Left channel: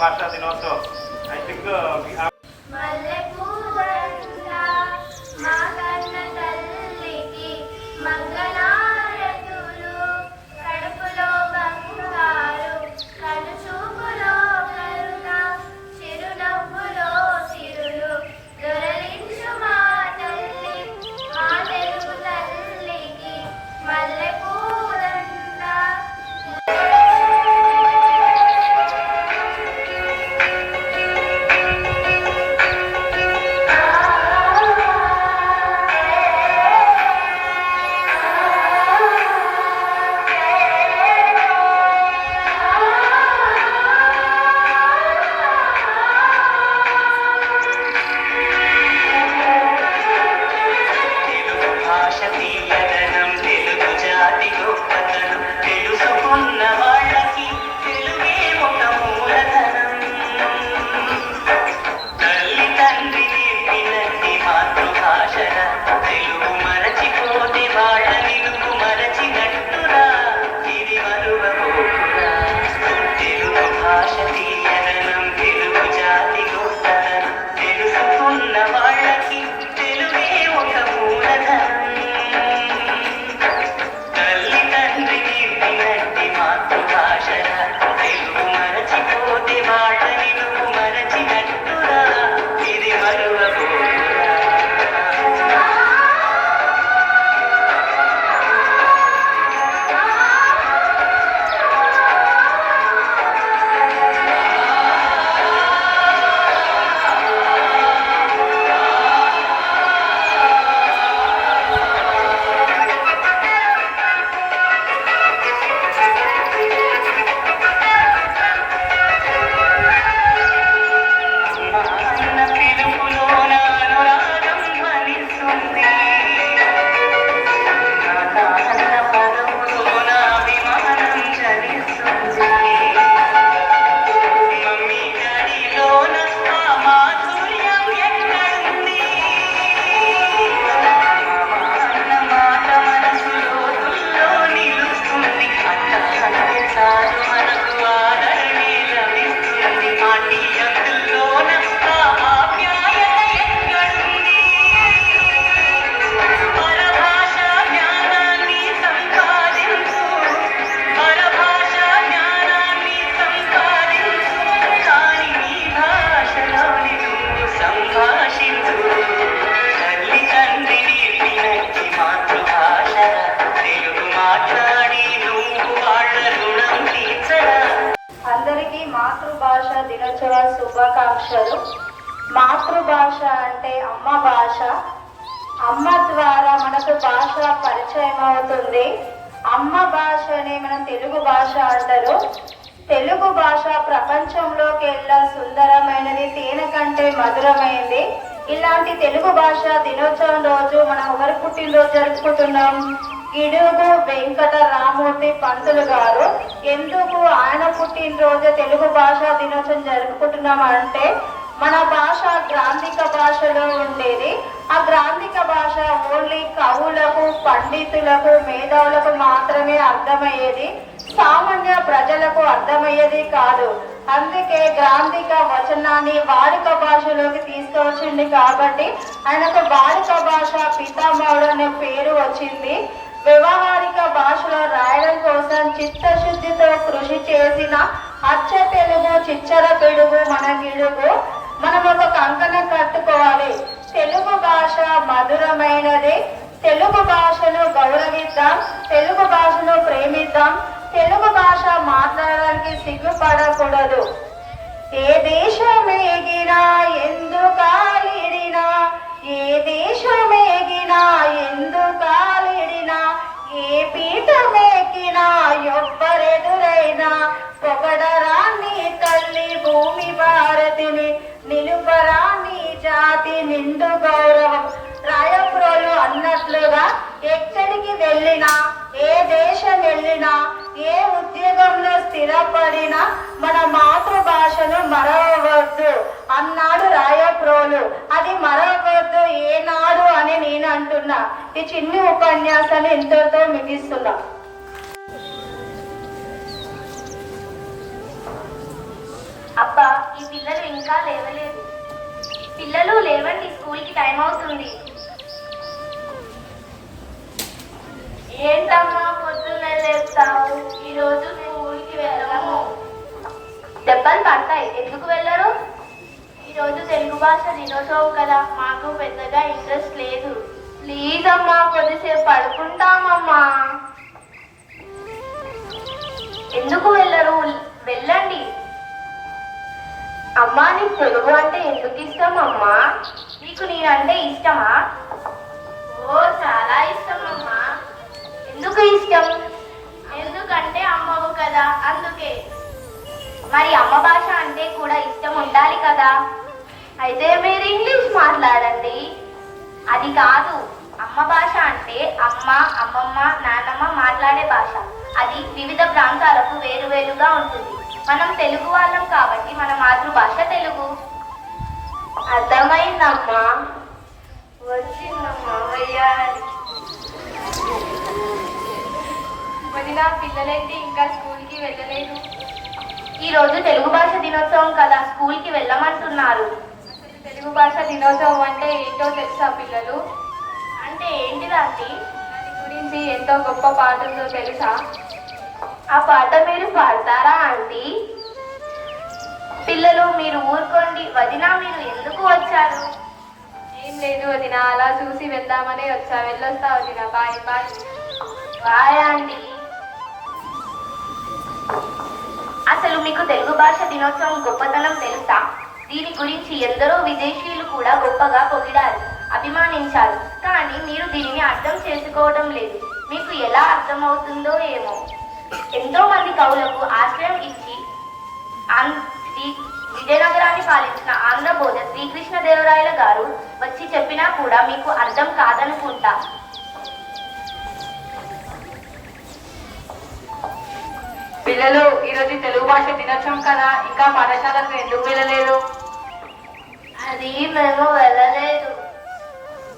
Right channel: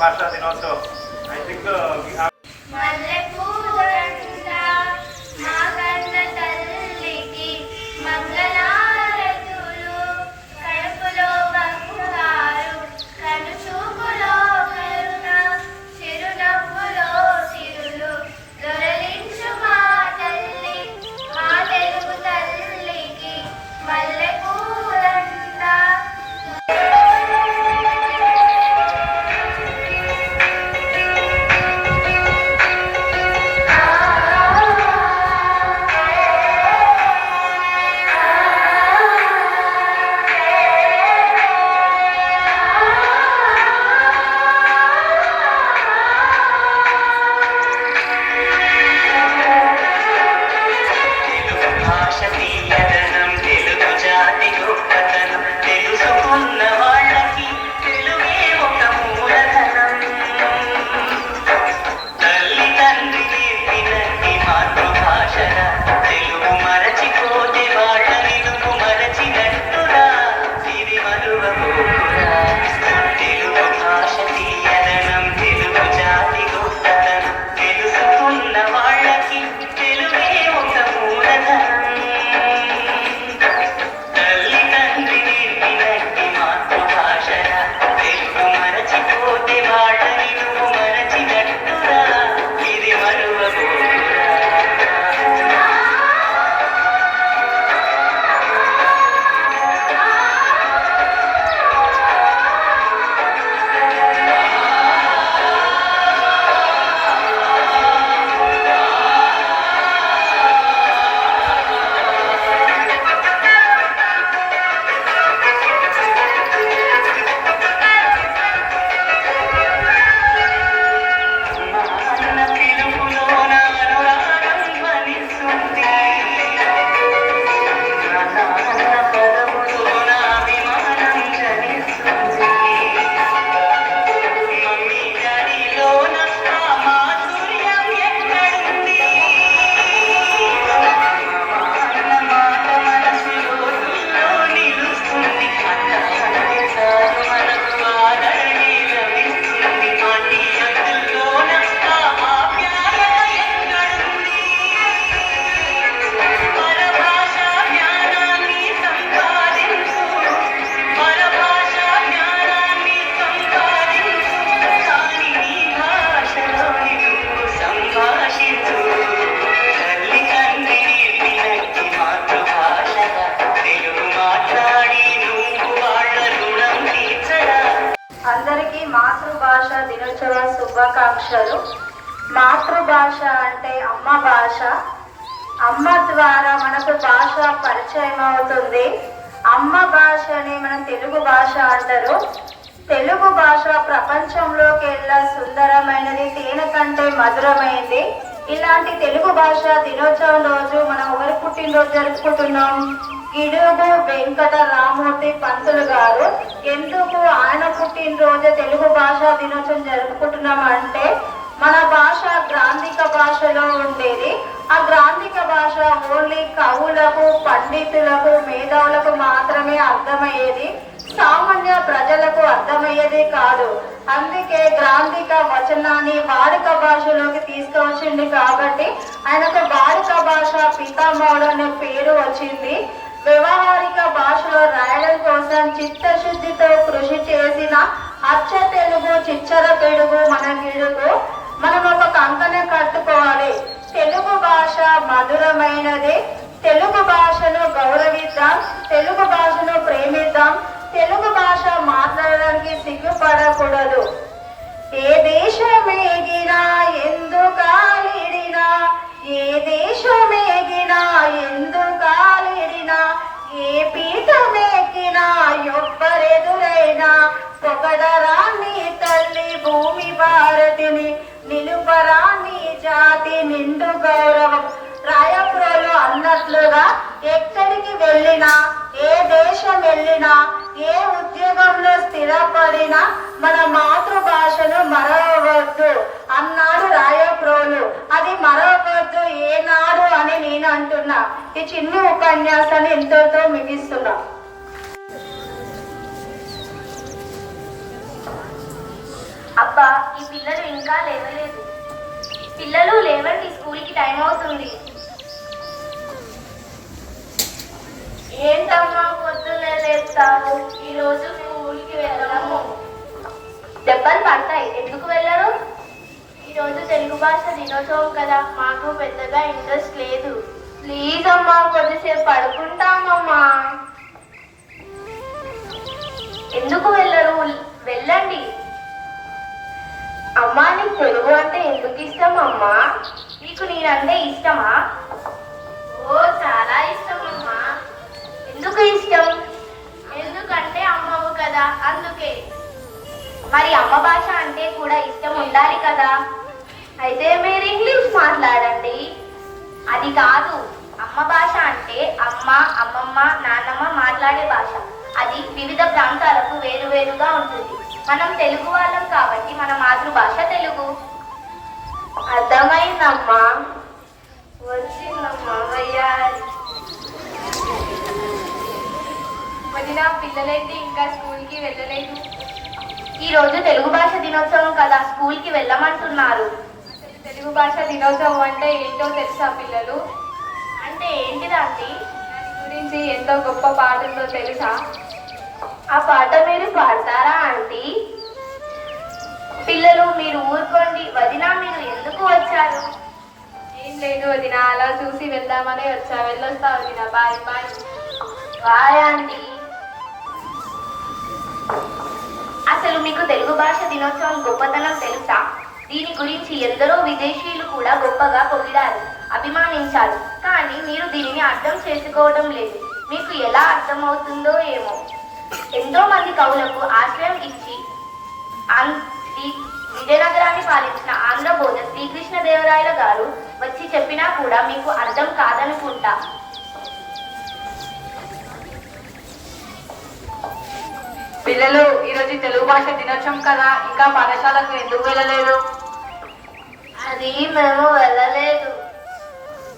భాషా దినోత్సవం. I think మాతృభాష దినోత్సవ శుభాకాంక్షలు. మాతృభాష అంటే అమ్మ భాష. అమ్మ ద్వారా మనకు భాష పరిచయం అవుతుంది. అమ్మ భాషని మనం తెలుగు భాష అంటారు. తెలుగు భాష ప్రపంచంలోకి వెళ్ళా సుందరమైనది, తేనె కంటే మధురమైంది. ఇలాంటి తెలుగు భాష దినోత్సవం రోజు మనం ఎవరి పుట్టినరోజు జరుపుకుంటున్నాం? గిడుగు వెంకట రామూర్తి పంతులు గారు. ఎందుకు ఆయన పుట్టినరోజు తెలుగు భాషా దినోత్సవం జరుపుకుంటున్నాం అంటే, మన భాష గ్రాంధిక భాషలో ఉండేది. ఆ గ్రాంధిక భాష ఓన్లీ కవులకు, పండితులకు, మేధావులకు మాత్రమే అర్థమయ్యేది. సామాన్య ప్రజలకు అర్థమయ్యేది కాదు. అందుకే గ్రాంధిక వచనాన్ని వాడుక భాషలోకి తీసుకువచ్చింది. కాబట్టి ఆయనకు వాడుక భాష పితామహుడు అనే పేరు వచ్చింది. వ్యవహారిక భాషలో రాయడం కోసం చిత్తశుద్ధితో కృషి చేసిన అచ్చ తెలుగు చిచ్చర పెడుగు మన గిడుగు. మనం ఒక కంకణం కట్టుకోవాలి. తెలుగు భాష మధురమైనది. తెలుగు భాషను గౌరవిద్దాం, తెలుగు భాషను ప్రేమిద్దాం. తెలుగు భాష మాట్లాడడానికి సిగ్గుపడకూడదు. ఏ దేశమేగినా ఎందుకాలిడినా, ఏ దేశమేగినా ఎందుకాలిడినా, ఏ పీఠమేకినా ఎవ్వరెదురైనా పొగడరాన్ని తల్లి భూమి భారతిని, నిలుపరాన్ని జాతి నిండు గౌరవం. రాయపురాలు అన్నట్లుగా ఎక్కడికి వెళ్ళినా, ఏ దేశం వెళ్ళినా, ఏ ఉద్యోగంలో స్థిరపడినా మన మాతృభాషను మరవవద్దు అన్నాడు రాయప్రోలు. అది మరవవద్దు ఏనాడు అని నేను అంటున్నా. ఈ చిన్ని ఉపన్యాసాన్ని ఎంతతో ముగిస్తున్నా. అబ్బా, ఈ పిల్లలు ఇంకా లేవలేదు. పిల్లలు లేవండి, స్కూల్కి టైం అవుతుంది. ఏంటమ్మా పొద్దున్నే లేస్తావు? ఈరోజు స్కూల్కి వెళ్ళము. దెబ్బలు పడతాయి, ఎందుకు వెళ్ళరు? ఈరోజు తెలుగు భాష దినోత్సవం కదా, మాకు పెద్దగా ఇంట్రెస్ట్ లేదు. ప్లీజ్ అమ్మా, కొద్దిసేపు పడుకుంటామమ్మా. ఎందుకు వెళ్ళరు? వెళ్ళండి. అమ్మా, నీకు తెలుగు అంటే ఎందుకు ఇష్టం అమ్మా? నీకు నేనంటే ఇష్టమా? ఓ, చాలా ఇష్టం అమ్మా. ఎందుకు ఇష్టం? ఎందుకంటే అమ్మవు కదా, అందుకే. మరి అమ్మ భాష అంటే కూడా ఇష్టం ఉండాలి కదా. అయితే మీరు ఇంగ్లీష్ మాట్లాడండి. అది కాదు, అమ్మ భాష అంటే అమ్మ, అమ్మమ్మ, నాన్నమ్మ మాట్లాడే భాష. అది వివిధ ప్రాంతాలకు వేరువేరుగా ఉంటుంది. మనం తెలుగు వాళ్ళం కాబట్టి మన మాతృభాష తెలుగు. అర్థమైందమ్మా. వచ్చిందమ్మా, వెయ్యాలి. వదిన, పిల్లలేంటి ఇంకా స్కూల్కి వెళ్ళలేదు? ఈరోజు తెలుగు భాష దినోత్సవం కదా, స్కూల్కి వెళ్ళమంటున్నారు. అసలు తెలుగు భాష దినోత్సవం అంటే ఏంటో తెలుసా పిల్లలు? అంటే ఏంటిదండి? దాని గురించి ఎంతో గొప్ప పాట ఉందో తెలుసా? ఆ పాట మీరు పాడతారా ఆంటీ? పిల్లలు, మీరు ఊరుకోండి. వదిన, మీరు ఎందుకు వచ్చారు? ఏం లేదు వదిన, అలా చూసి వెళ్దామని వచ్చా. వెళ్ళొస్తా వదిన. Bye bye. Bye aunty. అసలు మీకు తెలుగు భాష దినోత్సవం గొప్పతనం తెలుసా? దీని గురించి ఎందరో విదేశీయులు కూడా గొప్పగా పొగిడారు, అభిమానించారు. కానీ మీరు దీనిని అర్థం చేసుకోవడం లేదు. మీకు ఎలా అర్థమవుతుందో ఏమో. ఎంతో మంది కవులకు ఆశ్రయం ఇచ్చి విజయనగరాన్ని పాలించిన ఆంధ్రబోధ శ్రీకృష్ణదేవరాయల గారు వచ్చి చెప్పినా కూడా మీకు అర్థం కాదనుకుంటా. పిల్లలు, ఈరోజు తెలుగు భాష దినోత్సవం కదా, ఇంకా పాఠశాలకు ఎందుకు వెళ్ళలేదు? అది మేము వెళ్ళలేదు.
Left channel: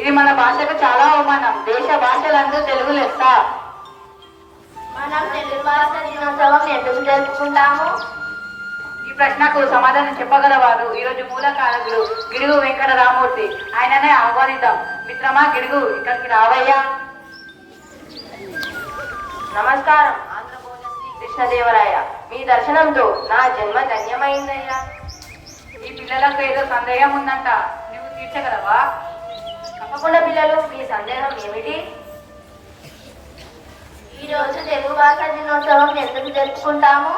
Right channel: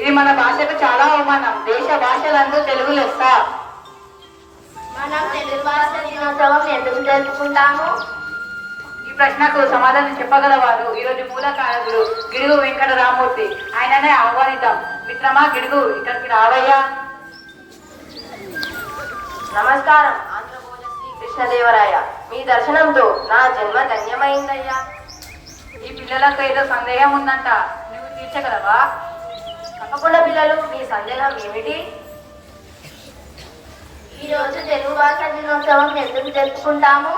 ఇది మన భాషకు చాలా అవమానం. దేశ భాషలందు తెలుగు లెస్స. మనం తెలుగు భాష దినోత్సవం ఎందుకు జరుపుకుంటాము? ఈ ప్రశ్నకు సమాధానం చెప్పగలవారు ఈరోజు మూలకారకుడు గిడుగు వెంకట రామూర్తి. ఆయననే ఆహ్వానిద్దాం. మిత్రమా గిడుగు, ఇక్కడికి రావయ్యా. నమస్కారం. ఆంధ్రబోధ శ్రీకృష్ణదేవరాయ, మీ దర్శనంతో నా జన్మ ధన్యమైందయ్యా. ఈ పిల్లలకు ఏదో సందేహం ఉందంట, నువ్వు తీర్చగలవా? తప్పకుండా పిల్లలు, మీ సందేహం ఏమిటి? ఈరోజు తెలుగు భాష దినోత్సవం ఎందుకు జరుపుకుంటాము?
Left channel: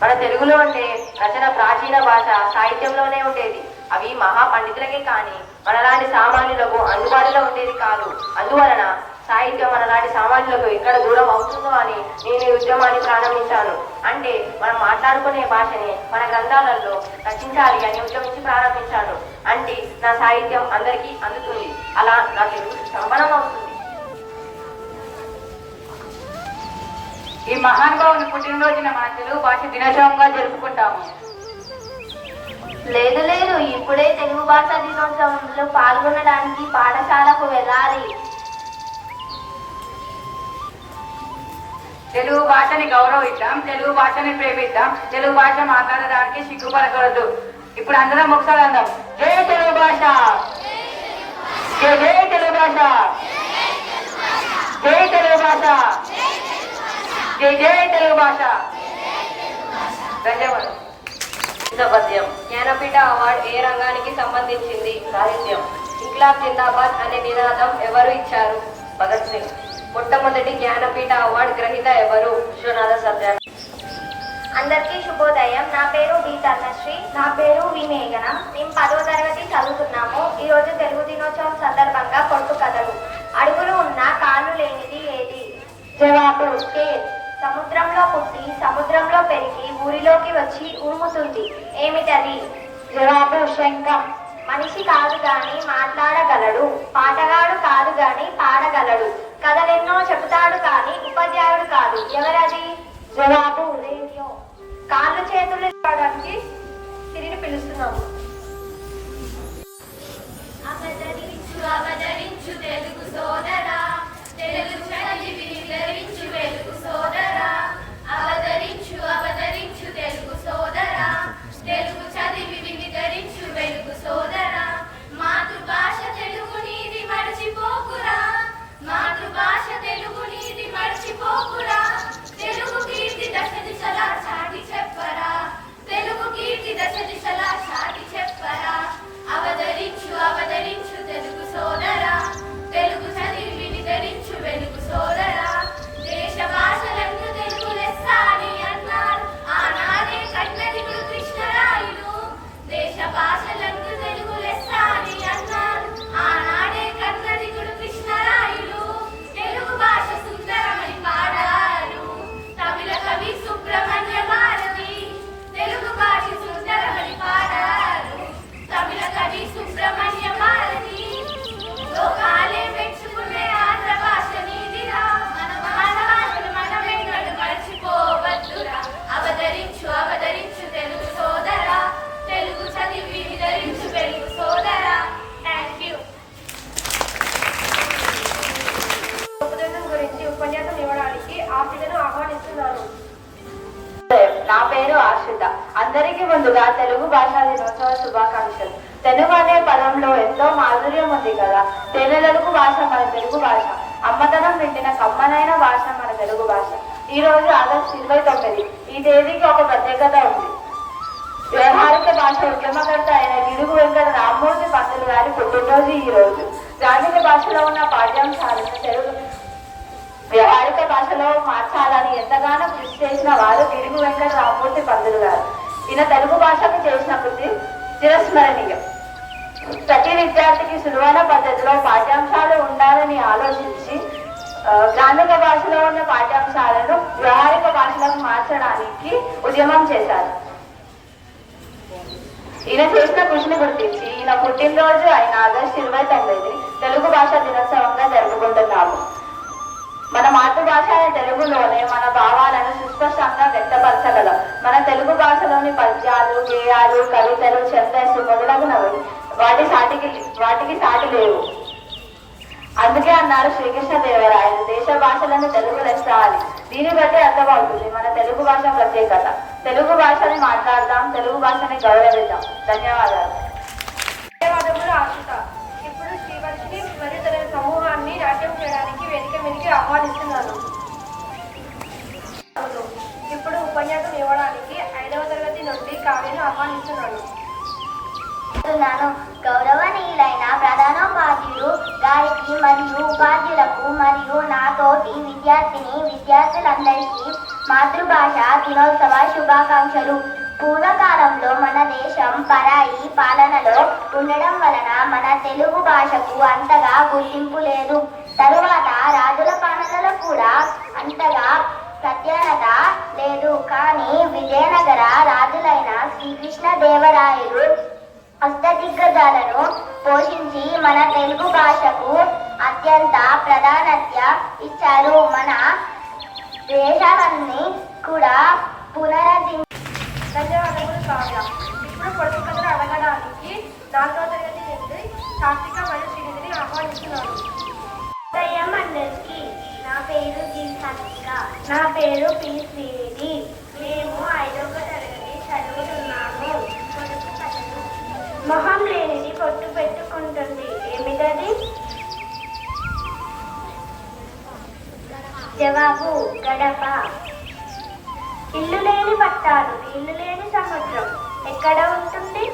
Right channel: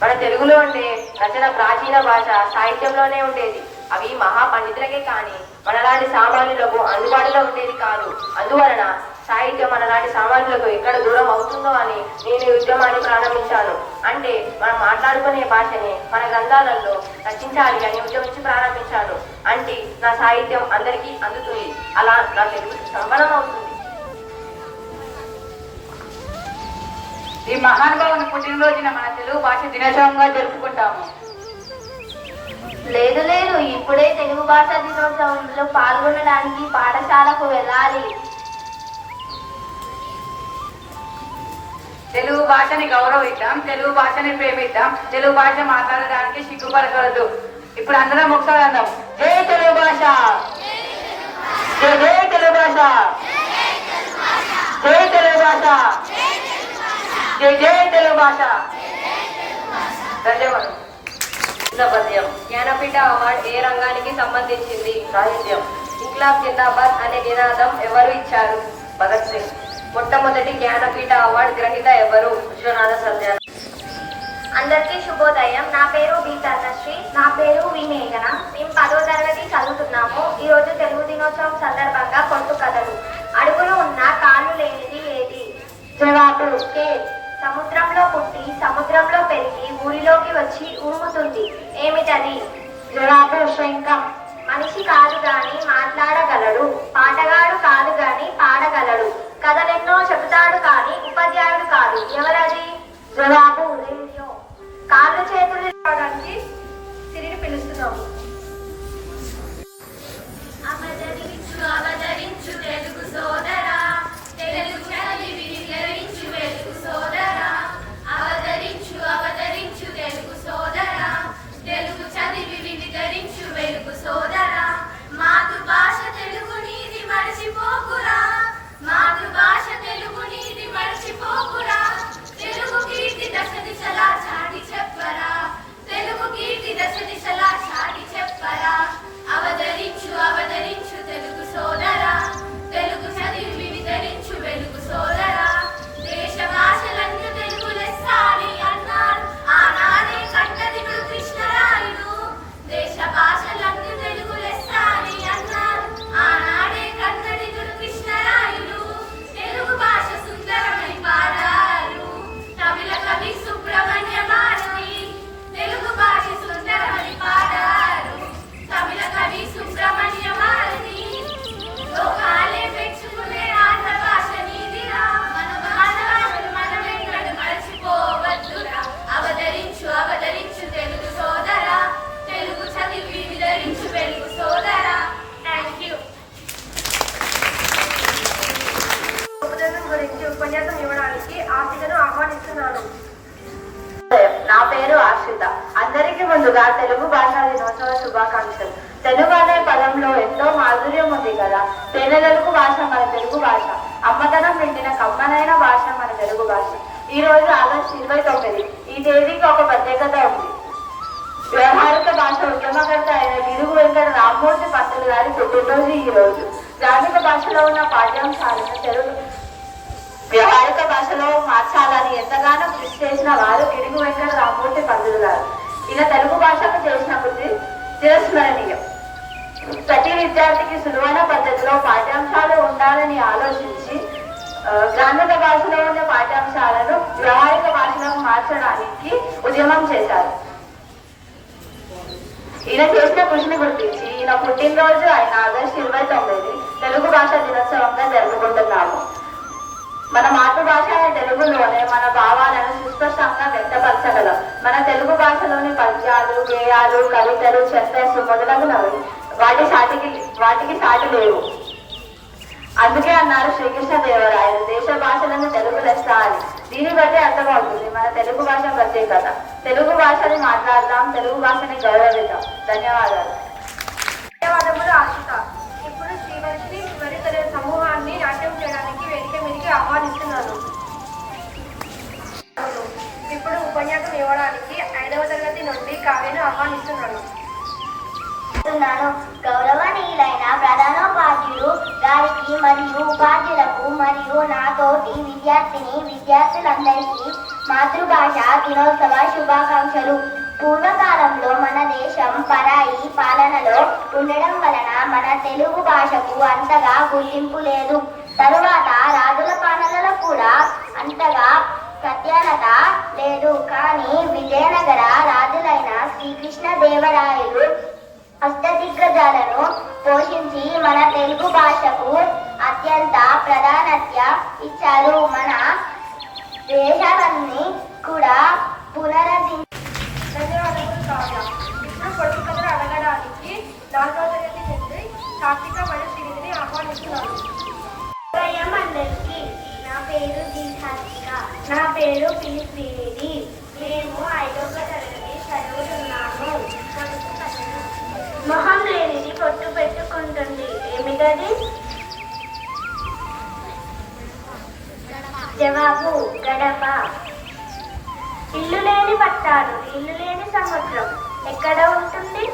మన తెలుగులో ఉండే రచన ప్రాచీన భాష సాహిత్యంలోనే ఉండేది. అవి మహాపండితులకే కానీ మనలాంటి సామాన్యులకు అందుబాటులో ఉండేది కాదు. అందువలన సాహిత్యం మనలాంటి సామాన్యులకు ఎక్కడ దూరం అవుతుందో అని నేను ఈ ఉద్యమాన్ని ప్రారంభించాను. అంటే మనం మాట్లాడుకునే భాషని మన గ్రంథాలలో రచించాలి అని ఉద్యమించి ప్రారంభించాను. అంటే నా సాహిత్యం అందరికీ అందుతుంది. అలా నా తెలుగు సంపన్నం అవుతుంది. ఈ మహానుభావుని పుట్టినరోజున మన తెలుగు భాష దినోత్సవంగా జరుపుకుంటాము. లేదు లేదు, ఇప్పుడే తెలుగు భాష దినోత్సవంలో పాల్గొనడానికి పాఠశాలకు వెళ్ళాలి. తెలుగు భాషని గౌరవిద్దాం, తెలుగు భాషని ప్రేమిద్దాం, తెలుగు భాష మాట్లాడడానికి సిగ్గుపడకూడదు. ఇప్పుడు అందరం ఒకసారి అందాం. జై తెలుగు భాష, జై జై తెలుగు భాష, జై తెలుగు భాష, జై జై తెలుగు భాష. ధన్యవాదాలు. పద్యం. జ్ఞానపీఠ అవార్డు ఏ రంగానికి సంబంధించింది? సాహిత్యం. ఇంక్లాబ్ జిందాబాద్ అనే నినాదం ఎవరు ఇచ్చారు? భగత్ సింగ్. మొట్టమొదటి జ్ఞానపీఠ అవార్డు గ్రహీత ఎవరు? విశ్వనాథ సత్య. అందరికీ శుభోదయం. నా పేరు డి తన్నశ్రీ. నా పేరు వి మేఘన. మేము 10వ తరగతి చదువుతున్నాము. ఈరోజు తెలుగు దినోత్సవం సందర్భంగా పొట్టు కథలు. అడుగులు ఉన్న కాళ్ళు లేనిది ఏది? జవాబు స్కేల్. సముద్రంలో పుట్టి సముద్రంలో పెరిగి ఊరిలోకి వచ్చి ఉరుముతుంది. ఏమిటది? జవాబు శంఖం. మనిషి కాదు గాని మాట్లాడగలడు, పాటగాడు కాదు గాని పాడగలడు, కథలెన్నో చెబుతాడు కానీ ఉపాధ్యాయుడు కాదు. ఎవరది? జవాబు రేడియో. కాళ్ళు చేతులు రావడానికి తిరిగి పిలుస్తున్నాము. అవతరించు అవతరించు తెలుగు సోదరా, తెలుగు చదివి వివరించు వెలుగు సోదరా, అవతరించు అవతరించు తెలుగు పేరు ఆశ్రిత. అందరికీ ముందుగా తెలుగు భాషా దినోత్సవ శుభాకాంక్షలు. తెలుగు అనే పదంలో ఎంతో మాధుర్యం ఉంది కదా. తెలుగు భాష మన తెలుగు భాష, అమ్మతనం నిండిన కమ్మనైన భాష మన తెలుగు భాష. ఈ రోజు ఆగస్టు 29. ఈ తేదీకి ఒక ప్రత్యేకత ఉంది. వ్యవహారిక భాష ఉద్యమకర్త అయిన గిడుగు వెంకట రామ్మూర్తి పంతులు గారి పుట్టినరోజు ఈ రోజు. గ్రామీణ భాషలో ఉన్న పాఠ్యాంశాలను తెలుగు వ్యవహారిక భాషలో మార్చాలని ఎంతగానో కృషి చేసిన వారు గిడుగు వెంకట రామ్మూర్తి పంతులు గారు. ఈయన తెలుగు భాషకు చేసిన కృషి చిరస్మరణీయం. ప్రతి విద్యార్థికి సులువైన పద్ధతిలో పాఠ్యాంశాలు ఉండాలని ఆలోచించి గ్రామీణ భాషలో ఉన్న పాఠ్యాంశాలను వ్యవహారిక భాషలకు మార్చడానికి ఉద్యమం చేశారు. ఈయన చేసిన కృషిని గుర్తించి ఈయన పుట్టినరోజు అయిన ఆగస్టు 29 తెలుగు భాష దినోత్సవంగా జరుపుకుంటున్నాము. మన మాతృభాష తెలుగులోనే మన భావాలను సుస్పష్టంగా వ్యక్తపరచగలం. మన తెలుగు భాషలోని పద్యాలు, గేయాలు, కవితలు, ఛందస్సు మొదలగునవి వాటికి సాటి లేవు. అందుకే అన్నారు శ్రీకృష్ణదేవరాయలు, దేశ భాషలను తెలుగు లెస్స అని. దీన్ని బట్టి అర్థమవుతుంది మన తెలుగు భాష ప్రత్యేకత. తెలుగు భాషని మాట్లాడదాం, తెలుగు భాషని గౌరవిద్దాం. ధన్యవాదాలు. ధన్యవాదములు ఆశిత. ఇప్పుడు శ్రీవర్షిని మరియు తన సమూహాన్ని నాట్యం చేయడానికి వేదిక మీదకి ఆహ్వానిస్తున్నాను. ఇప్పుడు ఉపన్యాసం ఇవ్వడానికి 5వ తరగతి నుండి కావ్యను ఆహ్వానిస్తున్నాను. గౌరవనీయులైన ప్రధానోపాధ్యులు గారికి మరియు ఉపాధ్యులకు మరియు నాతోటి విద్యార్థులందరికీ మాతృభాష దినోత్సవ శుభాకాంక్షలు. పూర్వకాలంలో మన దేశం పరాయి పాలనలో ఉండడం వలన మన తెలుగు భాషకు అంతగా గుర్తింపు లేదు. తరువాత రాజుల పాలనలో కూడా అంతగా ప్రాధాన్యత లేదు. కానీ విజయనగర రాజులైన శ్రీకృష్ణదేవరాయలు అష్టదిగ్గజాలను పోషించి మన తెలుగు భాషకు అత్యంత ప్రాధాన్యత ఇచ్చారు. మన దేశాన్ని కూడా ధన్యవాదములు కావ్య. ఇప్పుడు పొడుపు కథలు అడగడానికి 4వ తరగతి నుండి కార్తీక మరియు శ్రీనిధిని ఆహ్వానిస్తున్నాను. అందరికీ నా పేరు దీక్షాత్మిక. నా పేరు పి శ్రీనిధి. మేము 5వ తరగతి చదువుతున్నాము. మొహం లేనిది పొట్టు పెట్టుకుంటుంది. ఏమిటది? జవాబు గడప. ఇల్లు లేని పట్టాలు, ఇల్లు లేని సముద్రం ఎక్కడ ఉంటుంది?